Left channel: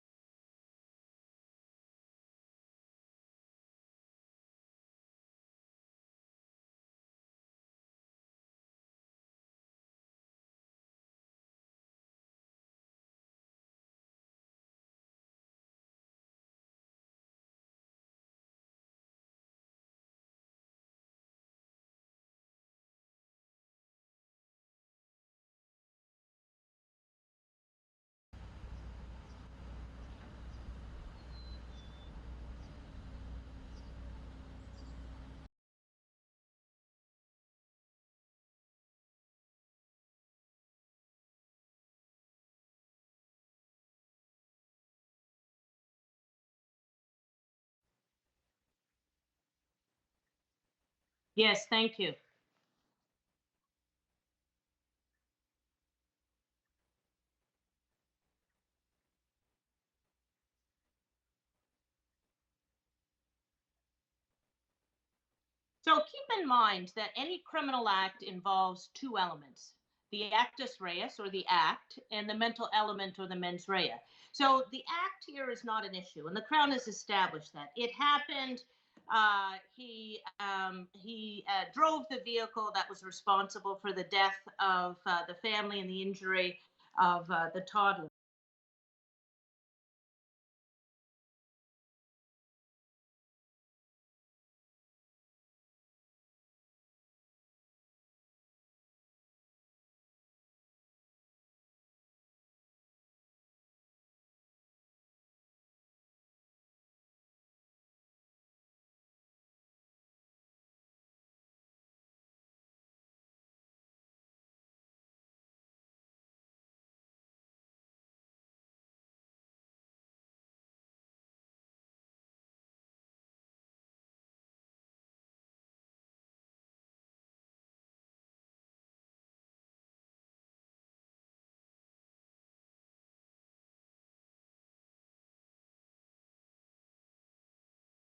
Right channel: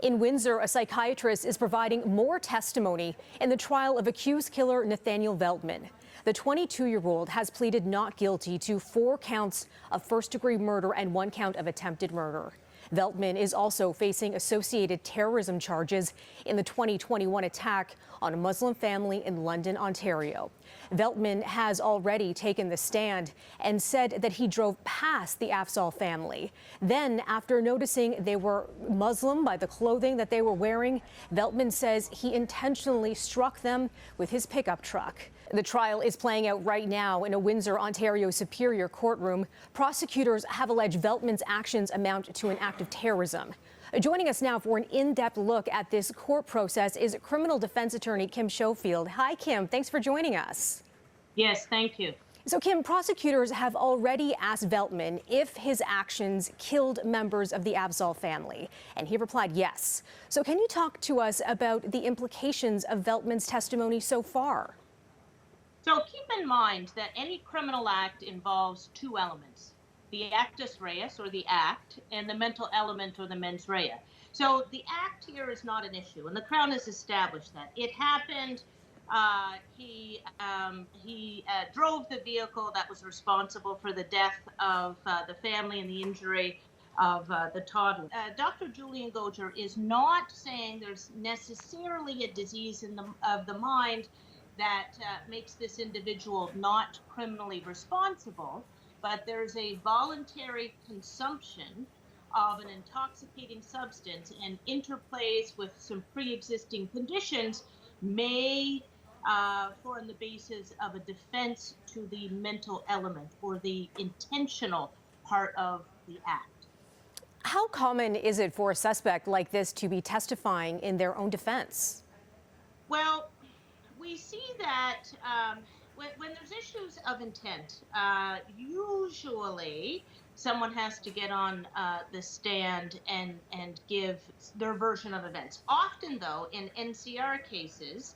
In Windsor, a psychiatrist is providing more testimony in the trial of accused killer Nathaniel Veltman. The 22-year-old has pleaded not guilty to 4 counts of first-degree murder and 1 count of attempted murder. Veltman is also facing associated terrorism charges in the 2021 attack on a Muslim family in London, Ontario. Veltman has already taken the stand and said that he drove past the Afzaal family. Then, after noticing they were Muslim by the clothing that they were wearing, Veltman says he intentionally struck them with his pickup truck. The trial is playing out right now in a Windsor, Ontario Superior Courtroom. Prosecutors have alleged Veltman's actions amount to an act of terrorism. Joining us now for an in-depth look at this court process is criminal defense attorney Kim Schofield. Hi, Kim. Thanks for joining us. Yes, thank you. So, Kim, prosecutors have already asked Veltman if his actions killed members of the Afzaal family, and he replied yes. So can you talk to us about the implications of Veltman's testimony so far? So keep in mind that any criminal act involves 2 elements, the actus reus, or the act, and the mental element, or the mens rea. So the act here is not an issue, and the Crown has established that. It happened, he drove the vehicle that was responsible for the death of the family and the injury of the toddler. Dr. Julian Goger is not saying there's necessarily a disease of the mind that makes this individual not criminally responsible, but there's a voluntary consumption of an intoxicating substance and interplays with some pre-existing conditions may form the basis of a defense to the mental element or the intentional part of the act. How common is it for a suspect like this to be testifying in their own defense? Well, we see that when there's issues of intent, usually someone has to get on the stand and give their version of events. Often, though, in NCR cases,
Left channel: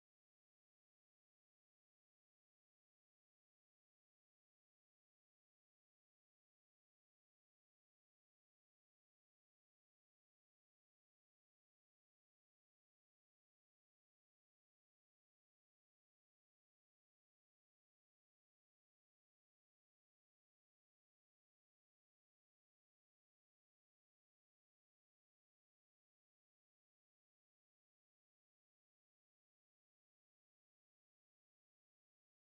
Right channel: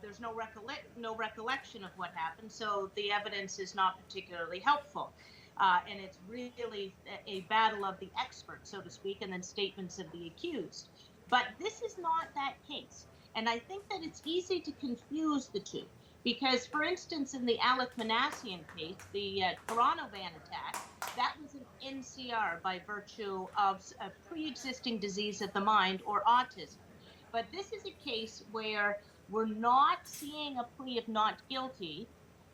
there's no recollection of what happened, so the evidence is not particularly helpful. And it's really a battle of the experts, so to speak, and then statements of the accused. But this is not that case. And I think that it's easy to confuse the two because, for instance, in the Alec Manassian case, the Toronto van attack, that was an NCR by virtue of a pre-existing disease of the mind or autism. But this is a case where we're not seeing a plea of not guilty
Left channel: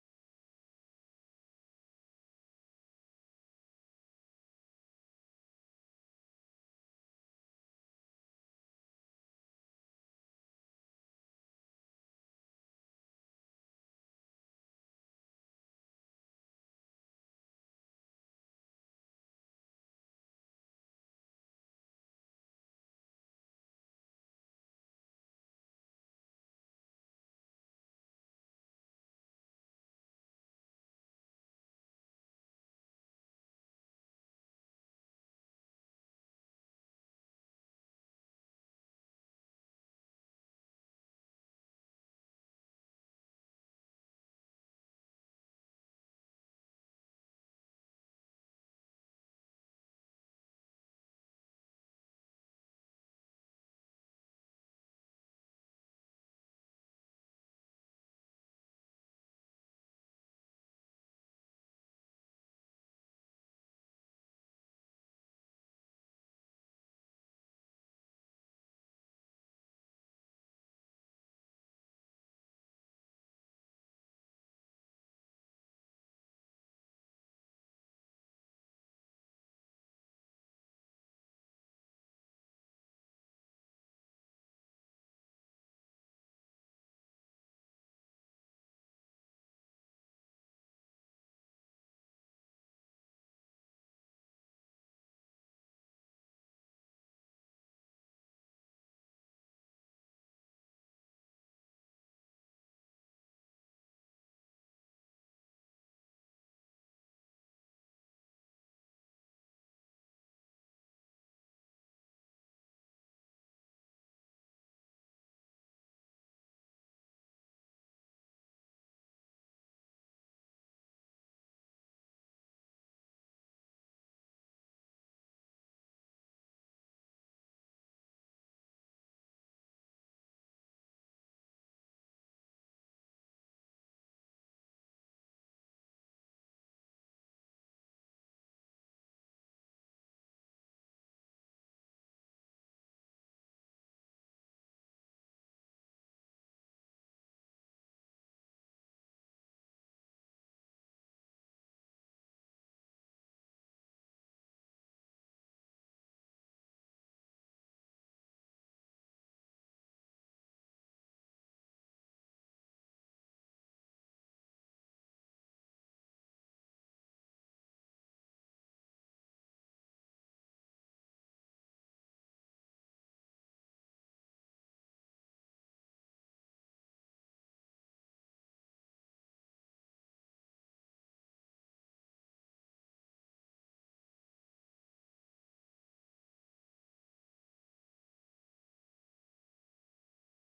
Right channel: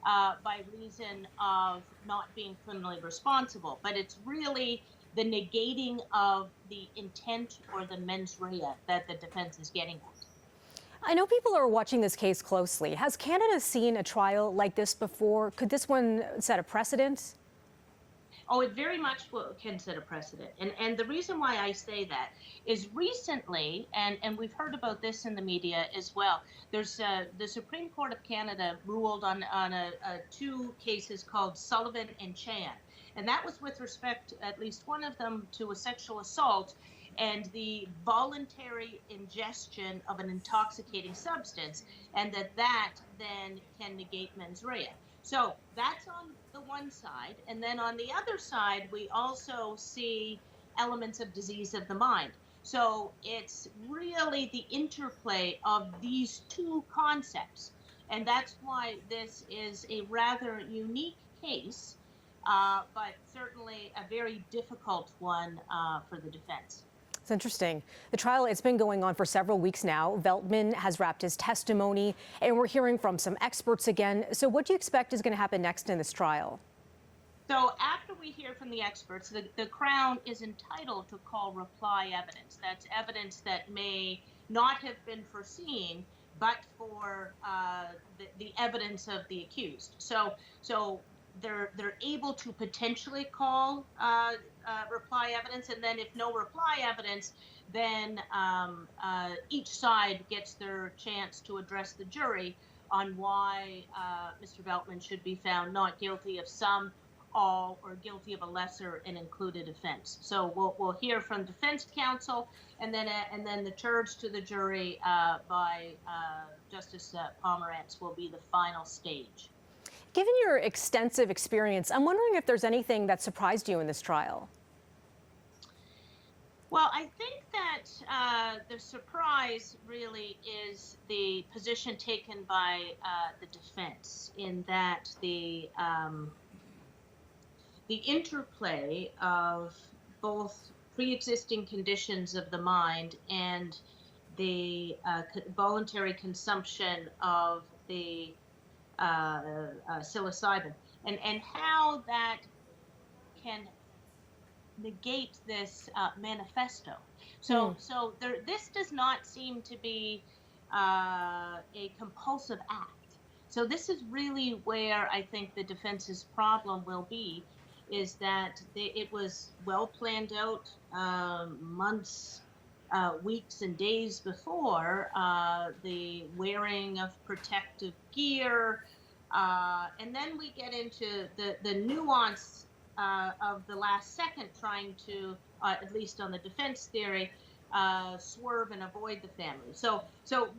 by reason of not being criminally responsible, but it's really the negating of the intent or the mens rea that the defense is getting at. I know people are watching this case closely. Has Canada seen a trial like this before? Could this one set a precedent? Oh, it very much can set a precedent. And the reason why I say that is recently, and we've heard about this in the media as well, there's the Supreme Court of Canada ruled on 2 cases called Sullivan and Chan. And that was with respect, at least one of them, to a sexual assault and the voluntary ingestion of an intoxicating substance, and that then can negate mens rea. So that's on the one side. And then on the other side, we also see elements of disease of the mind. So it's really the interplay of these 2 concepts. And that's why this is a rather unique case, but certainly a very difficult one for the defense. It's interesting. The trial, it's been going on for several weeks now. Veltman has wrapped his testimony, and we're hearing from some experts again. So what do you expect is going to happen next in this trial? So after we hear from the experts, the Crown is entitled to call reply evidence. That's evidence that may not have been foreseen, but for the evidence of the accused. So they're able to potentially call reply evidence, and then if no reply evidence, then each side gets their chance to address the jury on why Mr. Veltman should be found not guilty of some, all, or guilty of a lesser and included offense. So we'll hear from defense counsel, and then the charge to the jury by Justice Pomerantz will be the final stage. Given your extensive experience, I'm wondering if there's anything that surprised you in this trial. Well, I think that the surprise really is the position taken by the defense, in that the interplay of both pre-existing conditions of the mind and the voluntary consumption of the psilocybin, and how that can negate this manifesto. So this does not seem to be a compulsive act. So this is really where I think the defense's problem will be, is that it was well planned out, months, weeks and days before, the wearing of protective gear, and then we get into the nuance of the last second, trying to, at least on the defense theory, swerve and avoid the family. So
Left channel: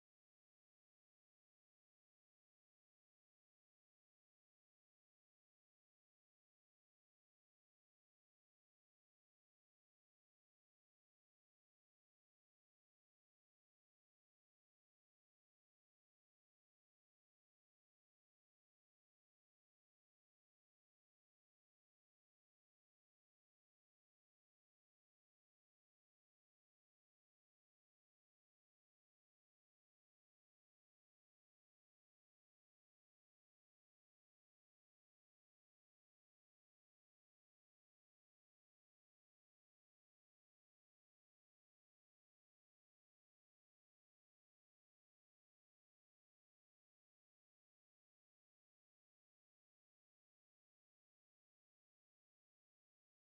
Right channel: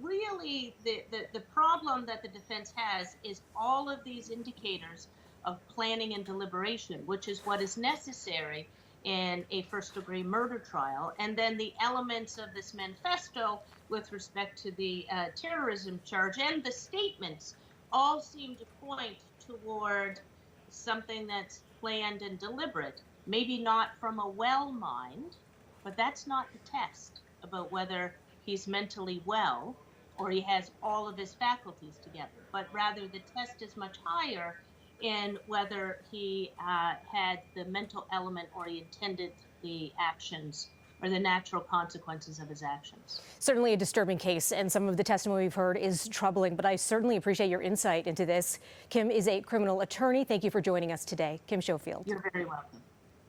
really, the problem that the defense has is all of these indicators of planning and deliberation, which is what is necessary in a first-degree murder trial, and then the elements of this manifesto with respect to the terrorism charge and the statements all seem to point toward something that's planned and deliberate, maybe not from a well mind, but that's not the test about whether he's mentally well or he has all of his faculties together, but rather the test is much higher in whether he had the mental element or he intended the actions or the natural consequences of his actions. Certainly a disturbing case, and some of the testimony we've heard is troubling, but I certainly appreciate your insight into this. Kim is a criminal attorney. Thank you for joining us today. Kim Schofield. You're very welcome.